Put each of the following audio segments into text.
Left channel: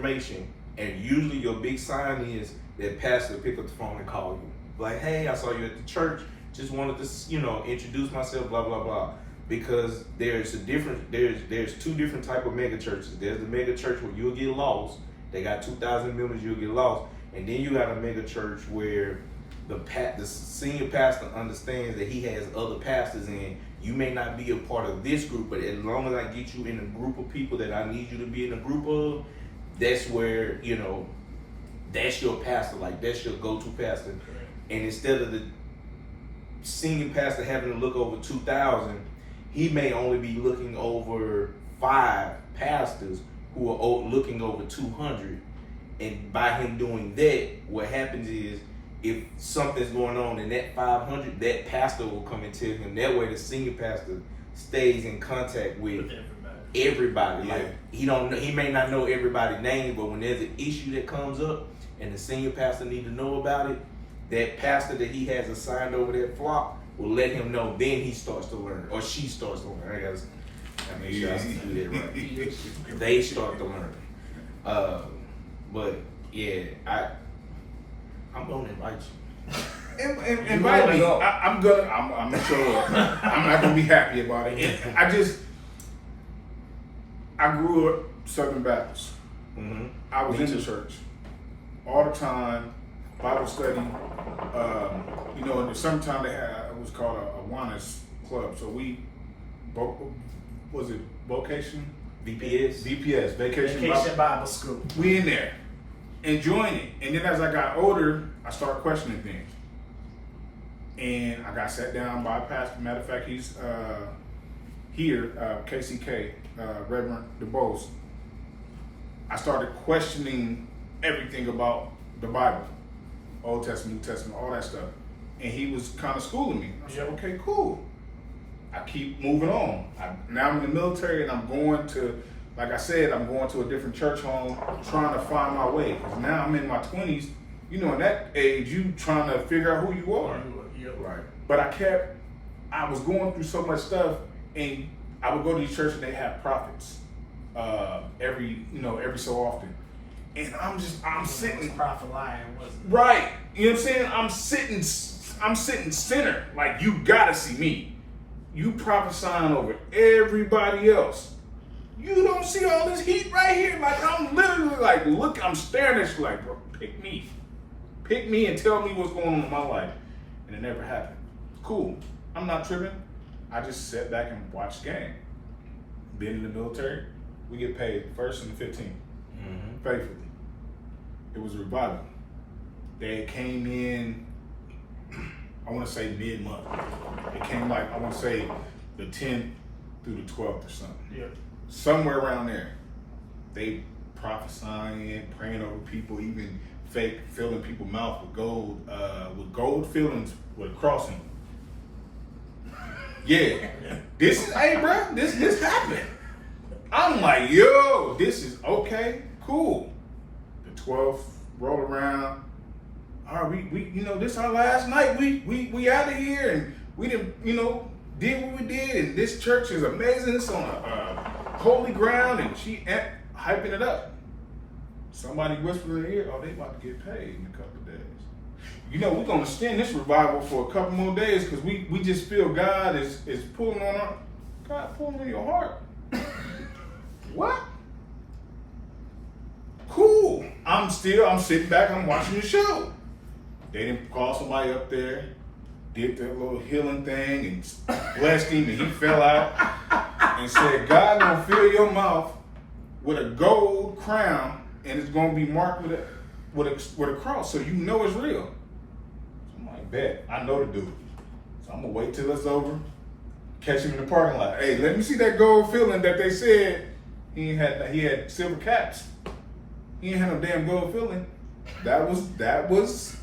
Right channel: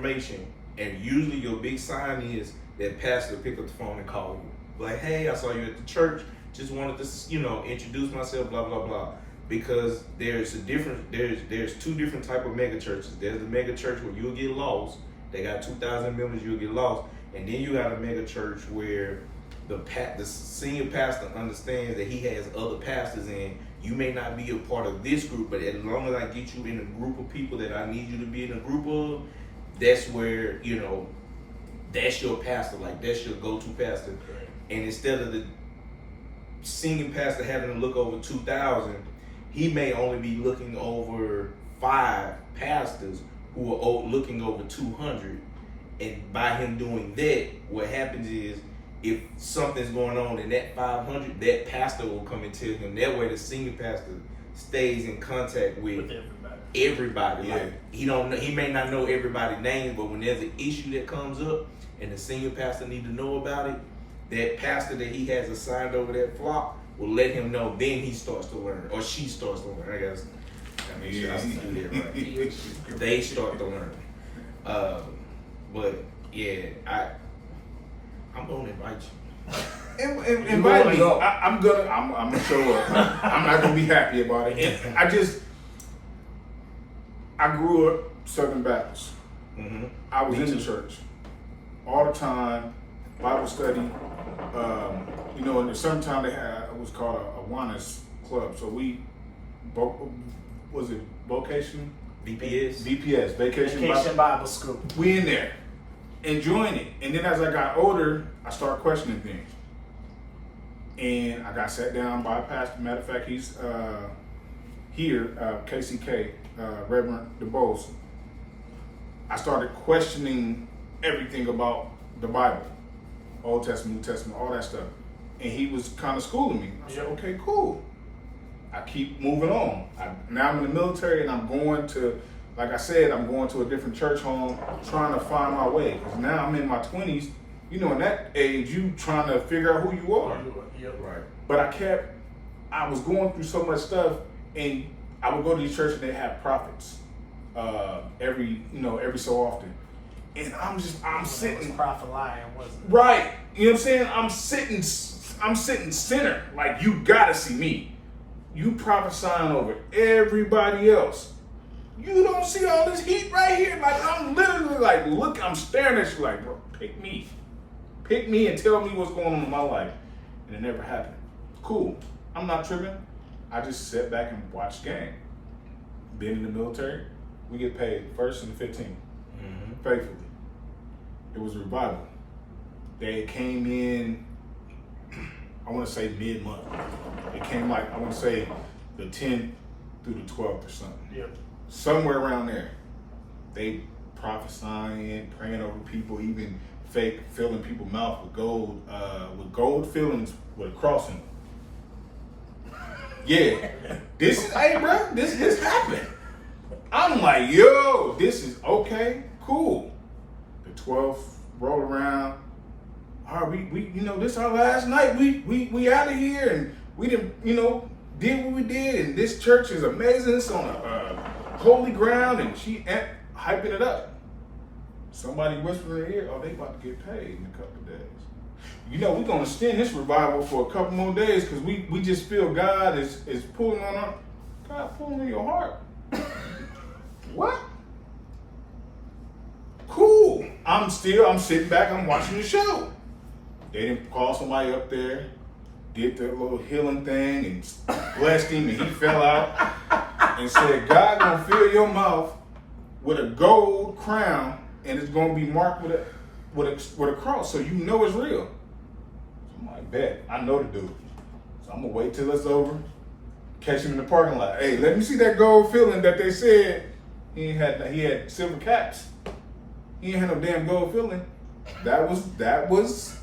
information, and usually your big sign is that pastor will pick up the phone and call you. Like, hey, I saw you at the church. Just wanted to, introduce myself, blah, blah, blah. Because there's two different type of mega churches. There's the mega church where you'll get lost. They got 2,000 members, you'll get lost. And then you got a mega church where the senior pastor understands that he has other pastors, and you may not be a part of this group, but as long as I get you in a group of people that I need you to be in a group of, that's where, that's your pastor, like that's your go-to pastor. And instead of the senior pastor having to look over 2,000, he may only be looking over 5 pastors who are looking over 200. And by him doing that, what happens is, if something's going on in that 500, that pastor will come and tell him. That way the senior pastor stays in contact with everybody. Yeah. Like he may not know everybody's names, but when there's an issue that comes up and the senior pastor need to know about it, that pastor that he has assigned over that flock will let him know. Then he starts to learn, or she starts to learn. I guess I do that right. They start to learn. But yeah, I'm gonna invite you. Invite me. I'm gonna show up. I'm not gonna be happy about it. I grew up Southern Baptist. Mm-hmm. I was in the church all the time, Bible study. In the summertime they had what's called a Awanas club. So was it vocation? VPS, Vacation Bible School. We in there, enjoying it. And then as I got older, I started questioning things. And I got sat down by a pastor. Matter of fact, he's here, KCK, Reverend DeBose. I started questioning everything about the Bible, Old Testament, New Testament, all that stuff. And he was kind of schooling me. I said, okay, cool. I keep moving on. Now I'm in the military, and I'm going to, like I said, I'm going to a different church home, trying to find my way. Because now I'm in my 20s. In that age, you trying to figure out who you are. Yeah, right. But I was going through so much stuff, and I would go to these churches and they have prophets every so often. And I'm sitting. Prophelying, wasn't it? Right. You know what I'm saying? I'm sitting center. Like, you gotta see me. You prophesying over everybody else. You don't see all this heat right here. Like, I'm literally like, look, I'm staring at you like, bro, pick me. Pick me and tell me what's going on in my life. And it never happened. Cool. I'm not tripping. I just sat back and watched the game. Been in the military, we get paid the 1st and the 15th. Mm-hmm. Faithfully. It was a revival. They came in, I want to say mid-month. It came I want to say the 10th through the 12th or something. Yep. Somewhere around there. They prophesying, praying over people, even fake filling people's mouth with gold fillings with a cross in them. Yeah. Hey bro, this happened. I'm like, yo, this is okay, cool. The 12th roll around. All right, we this our last night. We out of here, and we didn't, did what we did, and this church is amazing. It's on a holy ground, and she hyping it up. Somebody whispered in her ear, oh, they about to get paid in a couple of days. We're gonna extend this revival for a couple more days because we just feel God is pulling on our, God pulling on your heart. What? Cool. I'm sitting back, I'm watching the show. They didn't call somebody up there, did their little healing thing and blessed him, and he fell out and said, God gonna fill your mouth with a gold crown, and it's gonna be marked with a cross, so you know it's real. So I'm like, bet, I know the dude. So I'm gonna wait till it's over, catch him in the parking lot. Hey, let me see that gold filling that they said he had silver caps. He ain't had no damn gold filling. That was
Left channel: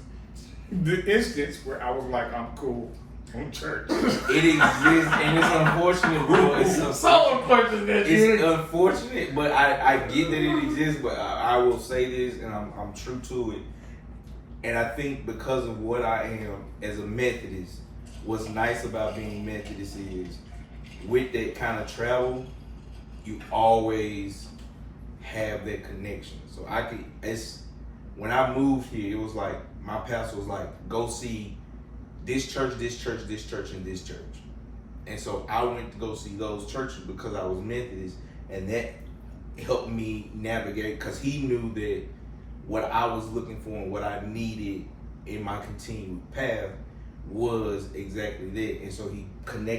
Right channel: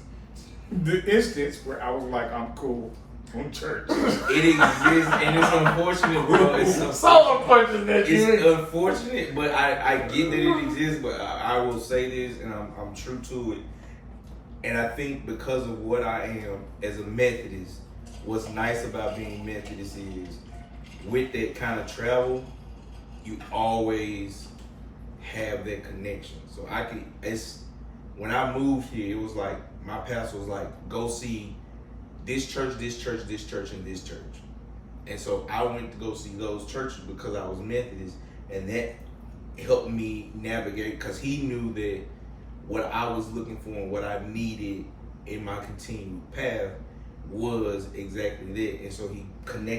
the instance where I was like, I'm cool from church. It exists, and it's unfortunate, bro. It's unfortunate. It's unfortunate, but I get that it exists. But I will say this, and I'm true to it. And I think because of what I am as a Methodist, what's nice about being Methodist is with that kind of travel, you always have that connection. So when I moved here, it was like my pastor was like, go see this church, this church, this church, and this church. And so I went to go see those churches because I was Methodist, and that helped me navigate, because he knew that what I was looking for and what I needed in my continued path was exactly that. And so he connected